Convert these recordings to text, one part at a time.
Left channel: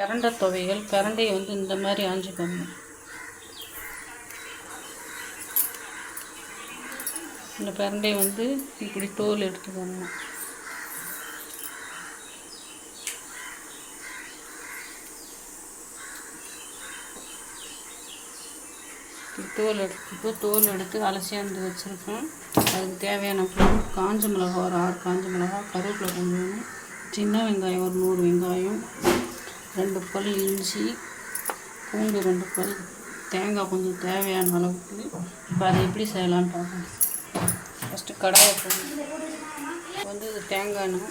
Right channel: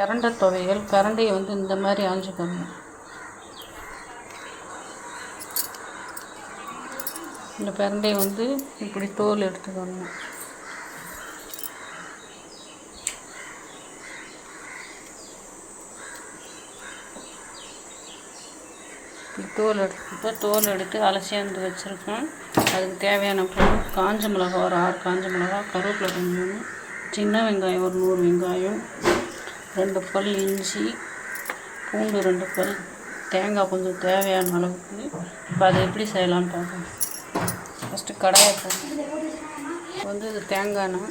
கரண்டை துவையல் பிரண்டையை வந்து இந்த மாதிரி ஆஞ்சுக்கணும் இந்த பிரண்டையை வந்து இப்படி தோல் எடுத்துக்கணும் இப்படி தோல் எடுத்து தோல் எடுத்து அலசியாந்து வச்சுருக்கேன். அதுக்கு தேவையான பொருள் காஞ்ச மிளகா ஒரு ஆறு காஞ்ச மிளகா கருவேப்பிலை கொஞ்சம் சின்ன வெங்காயம் ஒரு நூறு வெங்காயம் ரெண்டு பல் இஞ்சி பூண்டு ரெண்டு பல் தேங்காய் கொஞ்சம் தேவையான அளவுக்கு. இப்போ அதை எப்படி செய்யலான்னு பார்ப்போம். ஃபஸ்ட்டு கடாயை போடணும். வந்து இது தேங்காய்னா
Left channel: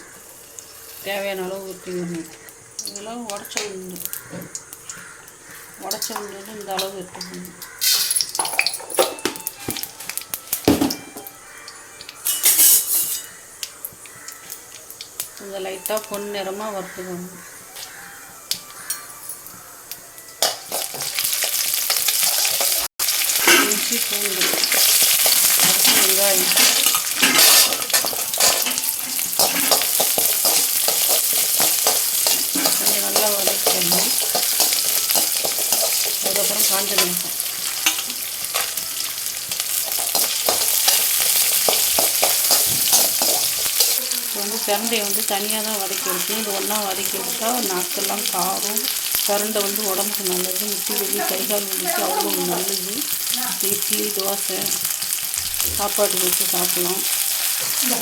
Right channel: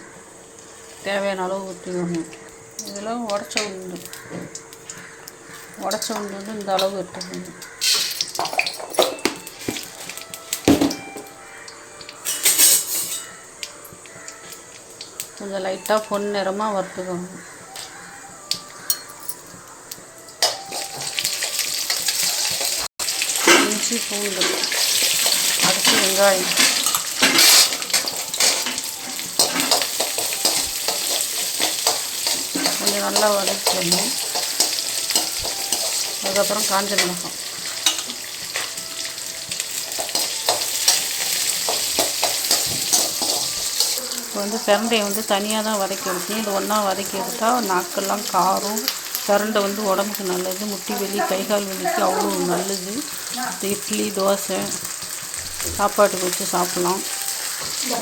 தேவையான அளவு ஊற்றிக்கணும் இதெல்லாம் உடச்ச உண்டு உடச்ச உண்டு வந்து இந்த அளவு எடுத்துக்கணும் கொஞ்சம் லைட்டாக பொன் நிறமாக வறுத்துக்கணும் இஞ்சி பூண்டு அடுத்து வெங்காயம் கொஞ்சம் நல்லா வதக்கணும் அதுக்கப்புறம் காஞ்ச மிளகாய் இப்போ வந்து பிரண்டையை வந்து தனியாக தான் வதக்கி எடுக்கணும் இது ஒன்றா வதக்கி எடுத்தால் நாக்கெல்லாம் காரம். பிரண்டை வந்து உடம்புக்கு நல்லது முட்டி வலி கை கால் வலிக்கு அவ்வளோ நல்லது. இட்லி தோசை சாப்பாட்டுக்கு வச்சு சாப்பிட்லாம்.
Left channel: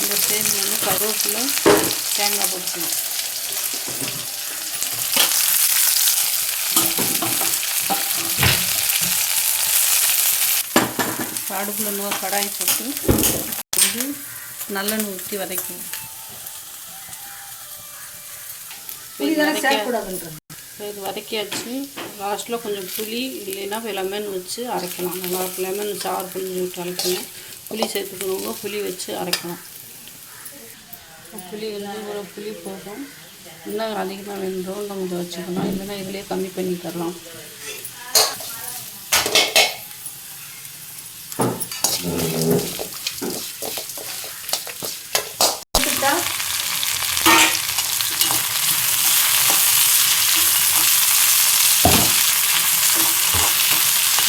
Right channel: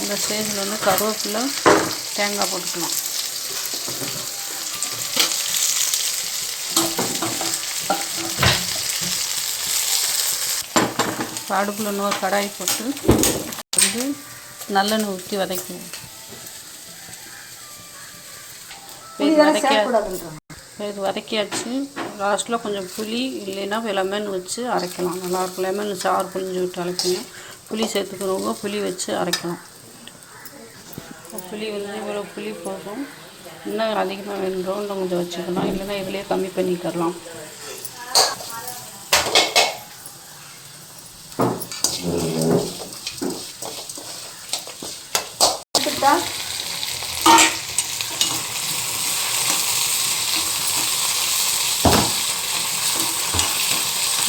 இந்த ஸ்டேஜில் வந்து கருவேப்பிலை தேங்காய் போட்டுக்கலாம். அடுப்பில் இன்னொரு கடாய் போட்டு வந்து நல்லெண்ணெய் ஊற்றி வதக்குவோம் இது வதக்கியாச்சு. லாஸ்ட்டில் கொஞ்சம் புளி இல்லைன்னா லெமன் வச்சு அரைக்கலாம். நல்லாயிருக்கும் லெமன் சாறு புளிஞ்சு விட்டு அரைக்கணும். புளி சேர்த்துக்கிறவங்க புளி வச்சு அரைக்கலாம் புளி வந்து இவ்வளோ புளி போதும். இன்னும் அதிகமாக வேணுன்றோம் கொஞ்சம் வச்சுக்கலாம். இல்லைன்னா இதிலே கம்மி பண்ணிக்கிறலாம்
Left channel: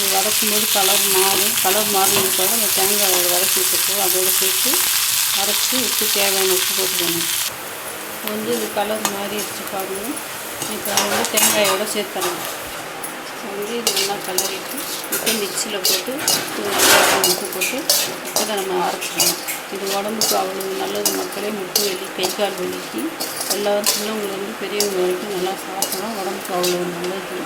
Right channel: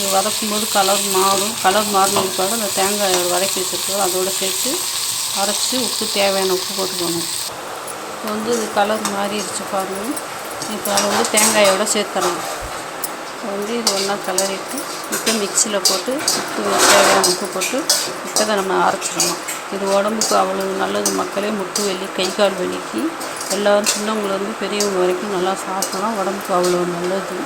அது வதக்கும் போது கலர் மாறும் கலர் மாறினதுக்காக அந்த தேங்காய் வதக்கி வச்சுருக்கோம். அதோடு சேர்த்து அரைச்சி உப்பு தேவையான உப்பு போட்டுக்கணும் இப்போ வந்து இது கலர் மாறிடுச்சு பாருங்கள் இப்போ அதை வந்து தேங்காயோடு சேர்த்துடலாம். இப்போ வந்து இது ஒன்றா கலரிட்டு இப்போ மிக்சியில் போட்டு உப்பு தேவையான உப்பு போட்டு இப்போ நம்ம அரைச்சிடணும் இது உடம்புக்கு அவ்வளோ நல்லது. மக்களே முட்டு வலி கை கால் வலிக்கு எல்லோரும் சின்னவங்களேருந்து பெரியவங்க வரைக்கும் நல்லா சாப்பிட்டோம்னா உடம்புக்கு அவ்வளோ நல்லது.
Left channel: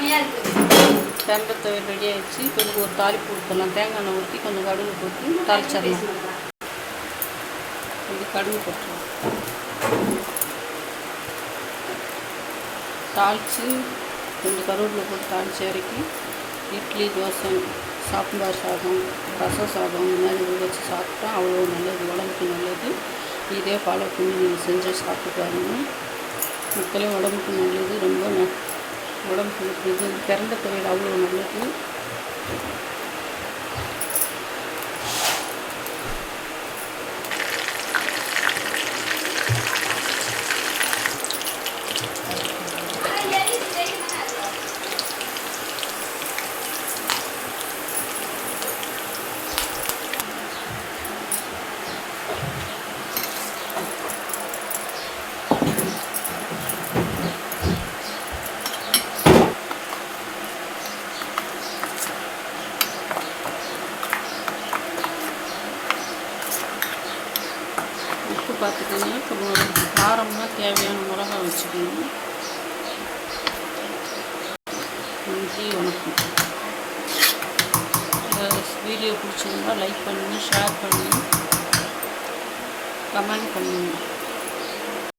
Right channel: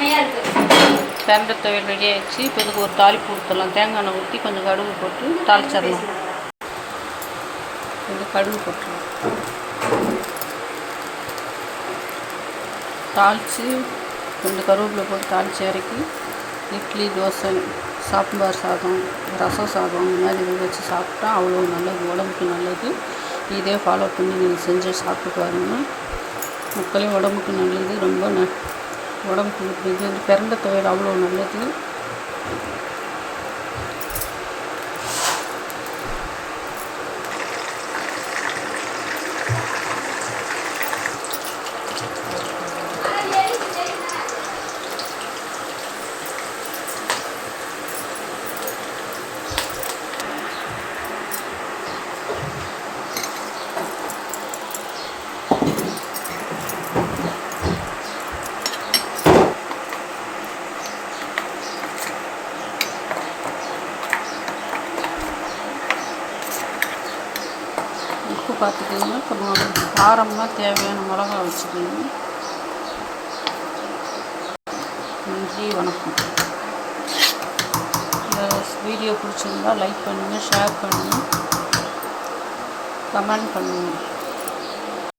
தேங்காய் துவையல் ரெடி ஆகிடுச்சு இப்போ இதுக்கு ஒரு தாளிப்பு கொடுத்துடலாம். தேங்காய் எண்ணெய் ஊற்றி கொஞ்சம் கடுகு போட்டு தாளிச்சிடலாம். இது கடுகு போட்டுடலாம். தாளித்து கொஞ்சம் கருவேப்பிலை போட்டு தாளித்து இறக்கி இட்லி தோசை சாம்பார் சாதம் ரசம் சாதம் இந்த மாதிரி இது வச்சு சாப்பிட்டா அவ்வளோ நல்லது. உடம்புக்கு நல்லது. இதே ஃபாலோ பண்ணி நீங்கள் செஞ்சு சாப்பிட்டு பாருங்கள் மக்களே உடம்புக்கு நல்லது. ரொம்ப உடம்புக்கு இது பிறந்த தொழில் அவ்வளோ நல்லது உப்பு பார்த்துக்கோங்க. கொஞ்சம் காரம்னா தேவையான மிளகா வச்சுக்கோங்க. நன்றி வணக்கம். இந்த வீடியோ பிடிச்சிருந்தா லைக் பண்ணுங்கள் ஷேர் பண்ணுங்கள் கமெண்ட் பண்ணுங்கள்